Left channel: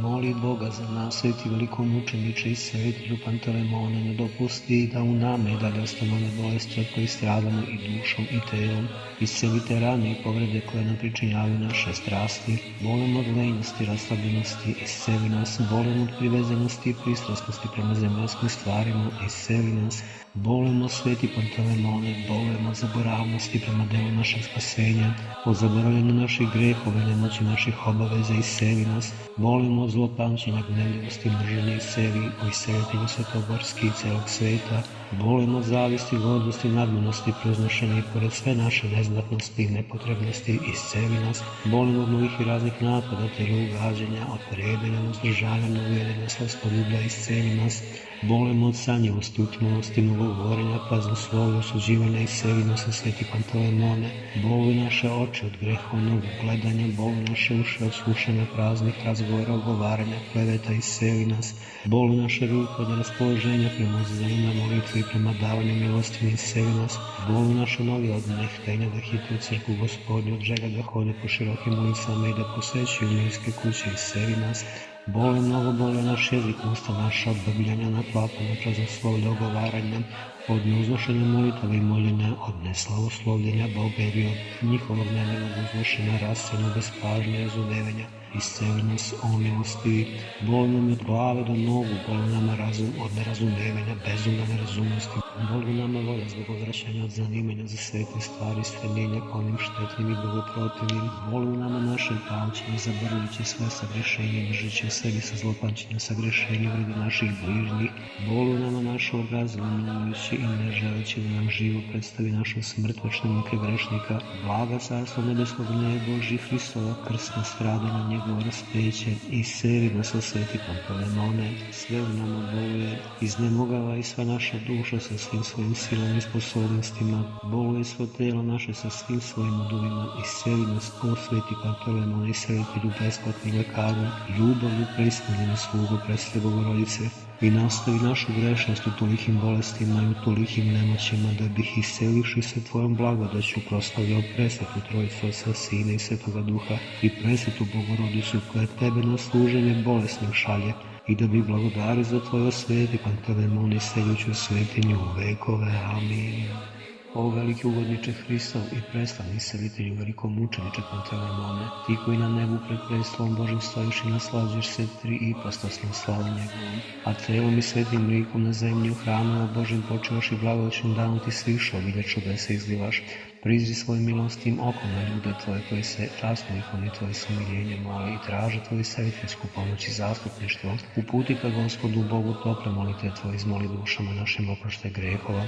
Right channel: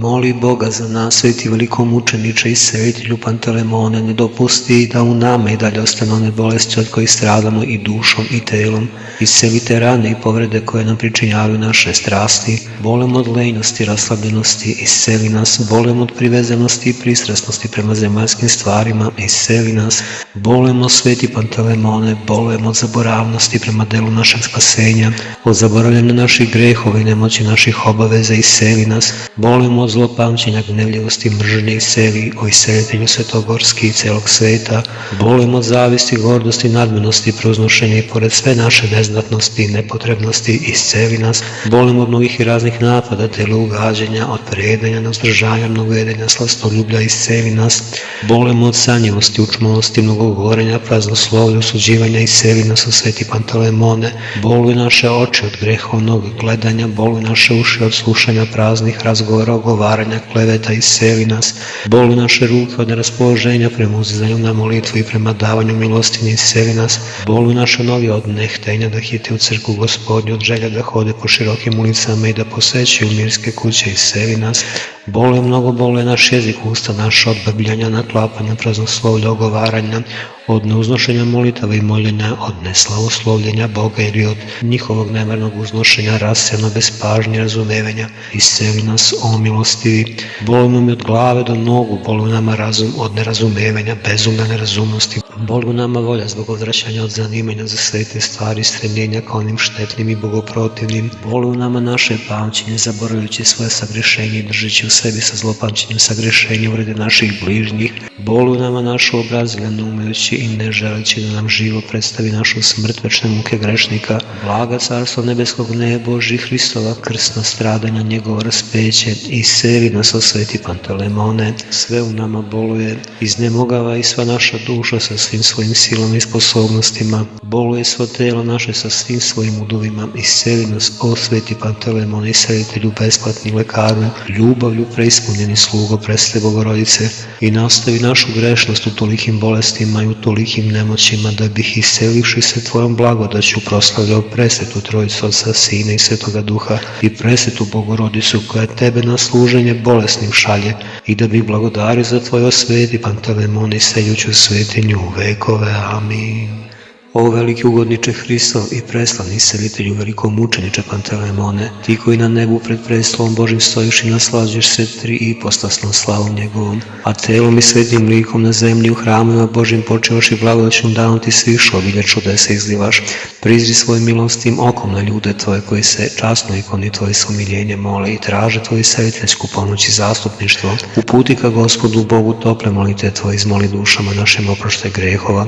Moli Boga za nas, sveti velikomučeniče i selitelju Pantelemone, ne dopusti da u nama i dalje ostanu one bolesti od kojih stradamo i dušom i telom. Iscelite rane i povrede koje nam pričinjavaju naše strasti. Bolem od lenjosti, raslabljenosti, isceli nas. Bolem od privezenosti i pristrasnosti prema zemaljskim stvarima, isceli nas. Bolemo, sveti Pantelemone, bolem od zaboravnosti prema delu našeg spasenja, od zaboravljanja naših grehova i nemoći naših obaveza, isceli nas. Bolemo od zlopamćenja, gnevljivosti, mržnje, isceli, o iscelitelju Svetogorski i celog sveta. Bolemo od zavisti, gordosti, nadmenosti, prouznošenja i pored sve naše neznatnosti i nepotrebnosti, isceli nas. Bolemo od mnogih i raznih napada, tela ugađanja, od prejedanja, neuzdržanja, mnogojedenja, slastoljublja, isceli nas. Bolemo od sanjivosti, učmalosti, mnogogovorenja, praznoslovlja, osuđivanja, isceli nas, o sveti Pantelemone. Boluju naše oči od grehovnog gledanja, boluju naše uši od slušanja praznih razgovora, ogovaranja, kleveta, isceli nas. Boluju naše ruke od neraspoloženja prema uzizanju na molitvu i prema davanju milostine, isceli nas. Boluju naše noge od nehtenja da hite u crkvu Gospodnju, od želja da hode po širokim ulicama i da posećuju mirske kuće, isceli nas. Boluje mnogo, boluje naš jezik, usta naša od brbljanja, naklapanja, praznoslovlja, ogovaranja, od neuznošenja molitava i moljenja, od neslavoslovljenja Boga ili od njihovog nemarnog uznošenja, rasjano bez pažnje, razumevanja, isceli nas, o milostivi. Bolujemo mi od glave do nogu, boluju nama razum od nerazumevanja, bezumne nerazumnosti. Boluju nama volja zbog odvraćanja od zanimanja za svete stvari, stremljenja ka onim štetnim i bogoprotivnim. Boluju nama naše pamćenje, zaboravljajući svoje sagrešenje i držeći u sebi sa zlopamćenjem sagrešenja uvrede naših bližnjih. Boluju nama našu obrazilja, ne umejući i ne želeći da nam živo predstavi našu smrt, večne muke grešnika. Blaga carstvo nebeskog ne Božji, Hristova krsna stradanja, njegovo raspeće, isceli nas, o sveti Pantelemone. Sve u nama boluje, iznemogava i sva naša duša sa svim svojim silama i sposobnostima. Boluje svo telo naše sa svim svojim udovima, isceli nas, o sveti Pantelemone, iscelitelju besplatni lekaru, ljubavlju preispunjeni slugo presle Bogorodice, i nastavi našu grešnost u tolikim bolestima i u tolikim nemoćima, da bih iscelivši se tvojom blagodaću proslavljao presvetu Trojicu, Otca, Sina i Svetoga Duha, i presvetu Bogorodicu koja tebe na služenje bolesnim šalje, i da bih blagodario za tvoj, o sveti Pantelemone, iseljuću svetinju u vekove. Amin. O veliki ugodniče Hristov i preslavni iscelitelju velikomučeniče Pantelemone, ti koji na nebu pred prestolom Božim stojiš i naslađuješ se tri ipostasnom slavom njegovom, a telom i svetim likom na zemlji u hramovima Božim počevaš i blagodaćnom danom ti sviš obilje čudesa izlivaš. Prizri svojim milostim okom na ljude tvoje koji se časno ikoni tvoje smiljenje mole i traže tvoju isceliteljsku pomoć i zastupništvo. Uputi ka Gospodu Bogu tople molite tvoje, izmoli dušama našim oproštaj grehova,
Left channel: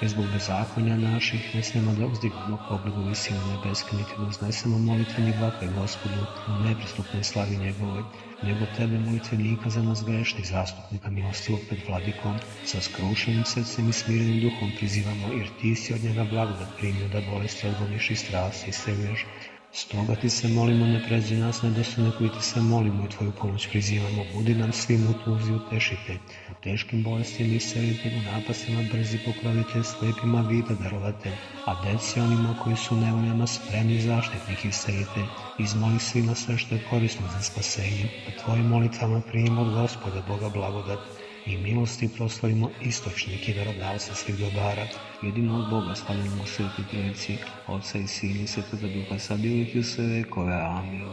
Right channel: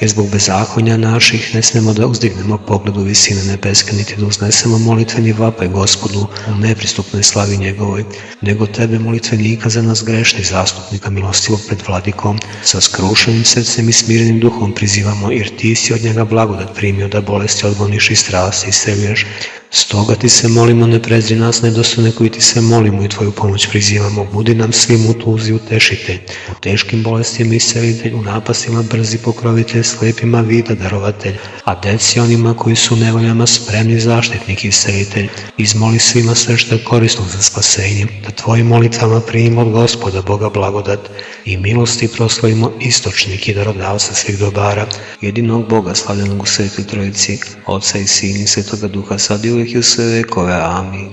jer zbog bezakonja naših ne smemo da uzdignemo pogled u visine nebeske, niti da uznesemo molitveni vapaj Gospodu u nepristupnoj slavi njegovoj, nego tebe, molitvenika za nas grešnih zastupnika, milostivog pred vladikom, sa skrušenim srcem i smirenim duhom prizivamo, jer ti si od njega blagodat primio da bolesti odgoniš i strasti isceljuješ. Stoga ti se molimo, ne prezri nas nedostojne koji ti se molimo i tvoju pomoć prizivamo. Budi nam svim u tuzi utešitelj, u teškim bolestima iscelitelj, u napastima brzi pokrovitelj, slepima vida darovatelj, a deci onima koji su u nevoljama spremni zaštitnik iscelitelj. Izmoli svima sve što je korisno za spasenje, da tvojim molitvama primimo od Gospoda Boga blagodat i milosti proslavimo istočnik i darodavca svih dobara, jedinog Boga slavljenog u Svetoj Trojici, Otca i Sina i Svetoga Duha, sad i uvijek i u sve vekove. Amin.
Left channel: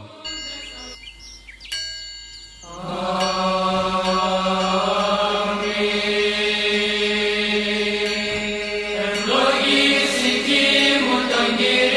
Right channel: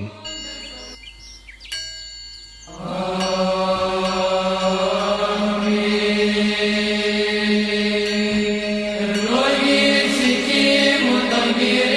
Ευλογήσει Κύριε μου τον Κύριο.